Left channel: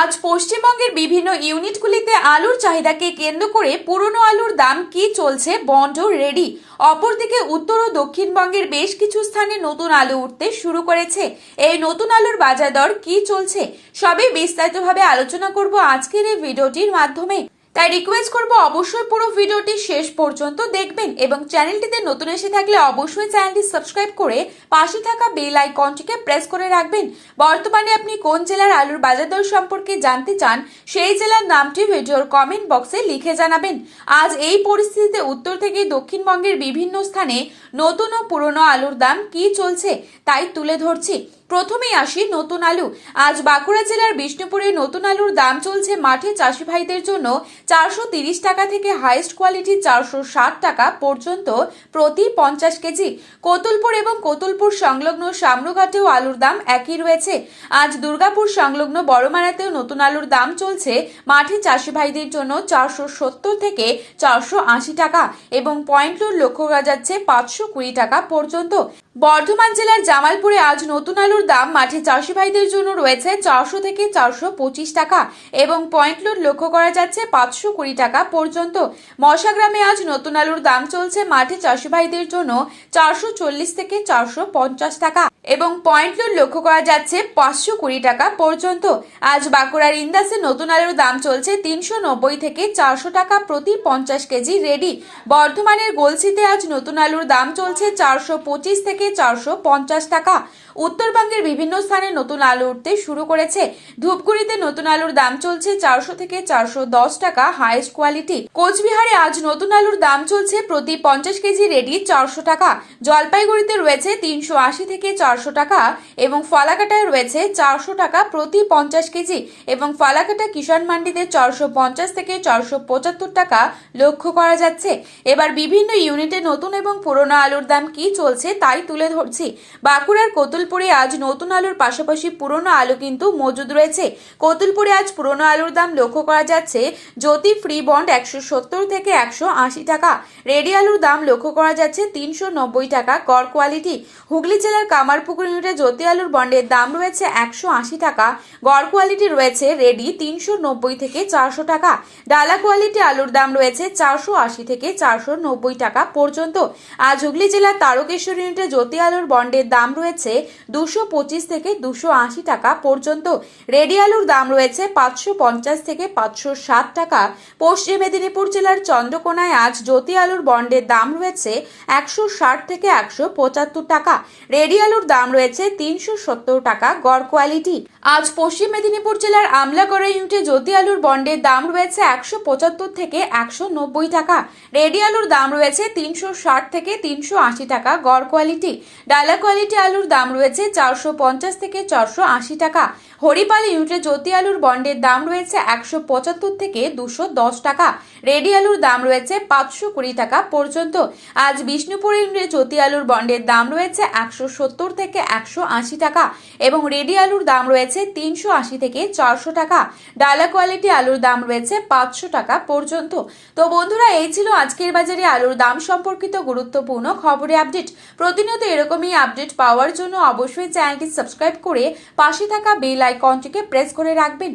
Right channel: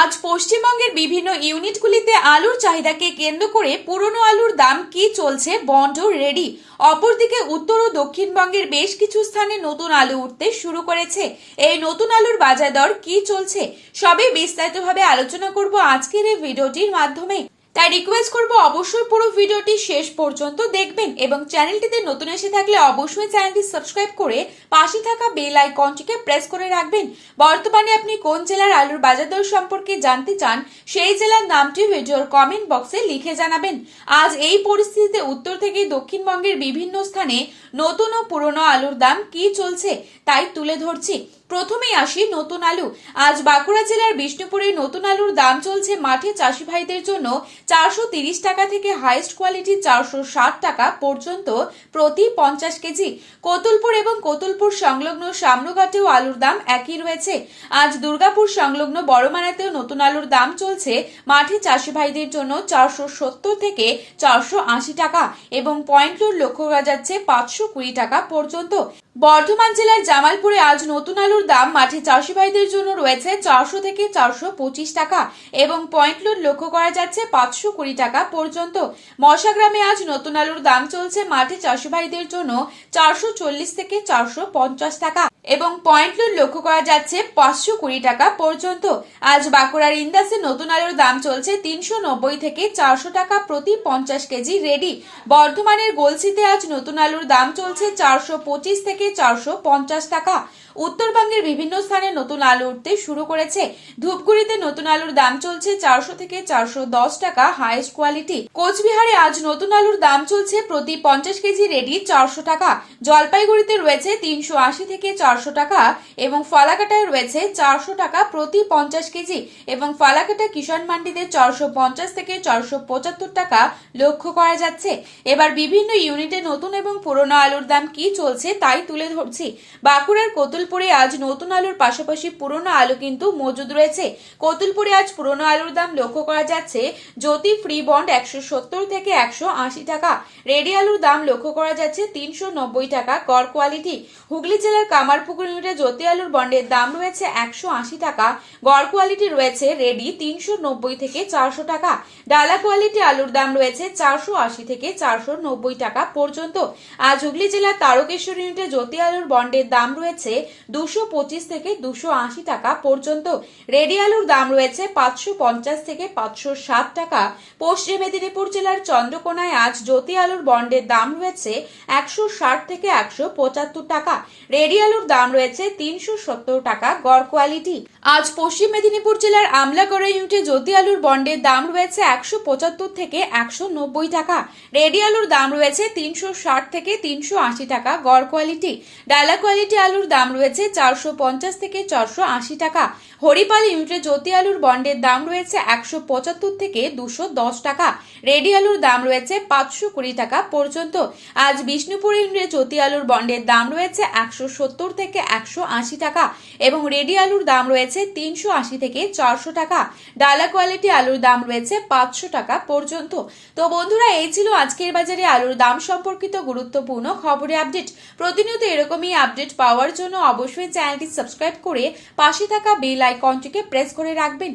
আজ পশ্চিমবঙ্গের বিভিন্ন ইউনিটগুলিতে আলুর চাহিদাকে কেন্দ্র করে পুরনো আলুর দাম কি চলছে বন্ড রেডি। অপরদিকে উত্তর ও দক্ষিণবঙ্গের বেশ কিছু স্থানে নতুন আলু উঠতে শুরু করেছে। এই নতুন আলুর বাজার দর কি চলছে সবই বিস্তারিতভাবে আলোচনা করব আজকের এই ভিডিওটির মাধ্যমে। তাই রিকোয়েস্ট করব অবশ্যই পুরো ভিডিওটি শেষ পর্যন্ত দেখবেন এবং চ্যানেলটিতে নতুন এসে থাকলে অবশ্যই চ্যানেলটি সাবস্ক্রাইব করে পাশে থাকা বেল আইকনটিকে প্রেস করে রাখবেন। বর্তমানে আপনি কোন জেলার আলুর বাজার দর সম্পর্কে জানতে চান সেই জেলার নামটি ভিডিওর কমেন্ট বক্সে লিখে জানাবেন। আজ এই পরিস্থিতিতে উত্তর থেকে দক্ষিণবঙ্গের বিভিন্ন স্থানে নতুন ও পুরনো আলুর দাম কি চলছে তাই তুলে ধরছি। প্রথমেই আসি নতুন আলু। আজ বাঁকুড়া জেলার বিষ্ণুপুরে নতুন আলুর দাম চলছে মাঠে চাষি ভাইদের জন্য 430 টাকা থেকে হাইয়েস্ট কোয়ালিটি 460 টাকা পর্যন্ত প্রতি 50 কেজি। কোতুলপুর এবং কোতুলপুর সংলগ্ন সামরুঘাটেও আলুর দাম একই রয়েছে। আজ দুর্গাপুর সংলগ্ন বড়মারাতেও নতুন আলুর দাম চলছে মাঠে চাষি ভাইদের জন্য 470 থেকে 480 টাকা এবং পয়েন্ট রোড লক্ষ্য করা যাচ্ছে 520 টাকা পর্যন্ত। বর্ধমান জেলার জামালপুরে আজ নতুন আলুর দাম মাঠে চাষি ভাইদের জন্য রয়েছে 400 থেকে 425 টাকা এবং পয়েন্ট লোড লক্ষ্য করা যাচ্ছে 520 টাকা পর্যন্ত। মশাগ্রামে আজ নতুন আলুর দাম চলছে মাঠে চাষি ভাইদের জন্য 440 থেকে 450 টাকা এবং পয়েন্ট লোড লক্ষ্য করা যাচ্ছে 520 টাকা পর্যন্ত। আজ বাঁকুড়ার ইন্দাসে নতুন আলুর দাম চলছে 390 থেকে 400 টাকা প্রতি 50 কেজি রেডি। বর্ধমানের গলসিতে আজ নতুন আলুর দাম চলছে 425 থেকে 450 টাকা। উত্তরবঙ্গের বিভিন্ন স্থানে নতুন আলু উঠতে শুরু করেছে। ধূপগুড়িতে নতুন আলুর দাম চলছে 400 থেকে 410 টাকা হাইয়েস্ট কোয়ালিটি। কোচবিহারে আজ নতুন আলুর দাম চলছে প্রতি 50 কেজি রেডি 400 টাকা। জলপাইগুড়িতে রয়েছে 380 থেকে 400 টাকা এবং ফালাকাটায় রয়েছে 400 টাকা প্রতি 50 কেজি এবং ফালাকাটা কিষাণ মান্ডিতে 450 থেকে 475 টাকা লক্ষ্য করা যাচ্ছে। এবার বিভিন্ন ইউনিটে নতুন এবং পুরনো আলুর দাম কি চলছে তাই তুলে ধরছি। বাঁকুড়ার কোতুলপুরে আজ নতুন আলুর পাশাপাশি পুরনো আলু কিন্তু মজুদ রয়েছে। কোতুলপুরে আজ পুরনো আলুর দাম লক্ষ্য করা যাচ্ছে জ্যোতি ফ্রি বন্ড 170 থেকে 180 টাকা। রেডি আলুর দাম লক্ষ্য করা যাচ্ছে 390 টাকা গড় কোয়ালিটি। হুগলি জেলার কামারপুকুর ইউনিটে জ্যোতি আলুর বন্ডের দাম রয়েছে 180 টাকা। গড় কোয়ালিটি রয়েছে রেডি 390 থেকে 400 টাকা। ডালা কোয়ালিটি আলুর দাম রয়েছে 480 থেকে 490 টাকা পর্যন্ত। আজ হুগলি জেলার তারকেশ্বর ইউনিটে জ্যোতি আলুর বন্ডের দাম রয়েছে 225 থেকে 280 টাকা পর্যন্ত। রেডি আলুর দাম রয়েছে 550 থেকে 560 টাকা। পশ্চিম মেদিনীপুর জেলার চন্দ্রকোনায় আজ জ্যোতি আলুর বন্ডের দাম রয়েছে 160 থেকে 175 টাকা। রেডি আলুর দাম রয়েছে 370 টাকা গড় কোয়ালিটি। আজ পশ্চিম মেদিনীপুর জেলার আমলাগড়া ইউনিটে জ্যোতি আলুর বন্ডের দাম রয়েছে 175 থেকে 190 টাকা। রেডি আলুর দাম রয়েছে 360 থেকে 380 টাকা গড় কোয়ালিটি। ডালা কোয়ালিটি আলুর দাম রয়েছে 450 থেকে 480 টাকা। হরিপাল ইউনিটে জ্যোতি আলুর বন্ডের দাম রয়েছে 175 থেকে 210 টাকা। রেডি আলুর দাম রয়েছে 520 টাকা পর্যন্ত। আজ বিষ্ণুপুর ইউনিটে জ্যোতি আলুর বন্ডের দাম রয়েছে 170 থেকে 180 টাকা এবং রেডি আলুর দাম রয়েছে 380 থেকে 400 টাকা। ডালা কোয়ালিটি আলুর দাম রয়েছে 500 টাকা পর্যন্ত। তো বন্ধুরা, এই ছিল আজকের বাজারে আলুর দাম সম্পর্কিত গুরুত্বপূর্ণ খবরের আপডেট। প্রতিনিয়ত এরকমই আপডেট পাওয়ার জন্য অবশ্যই চ্যানেলটি সাবস্ক্রাইব করে পাশে থাকা বেল আইকনটিকে প্রেস করে রাখবেন।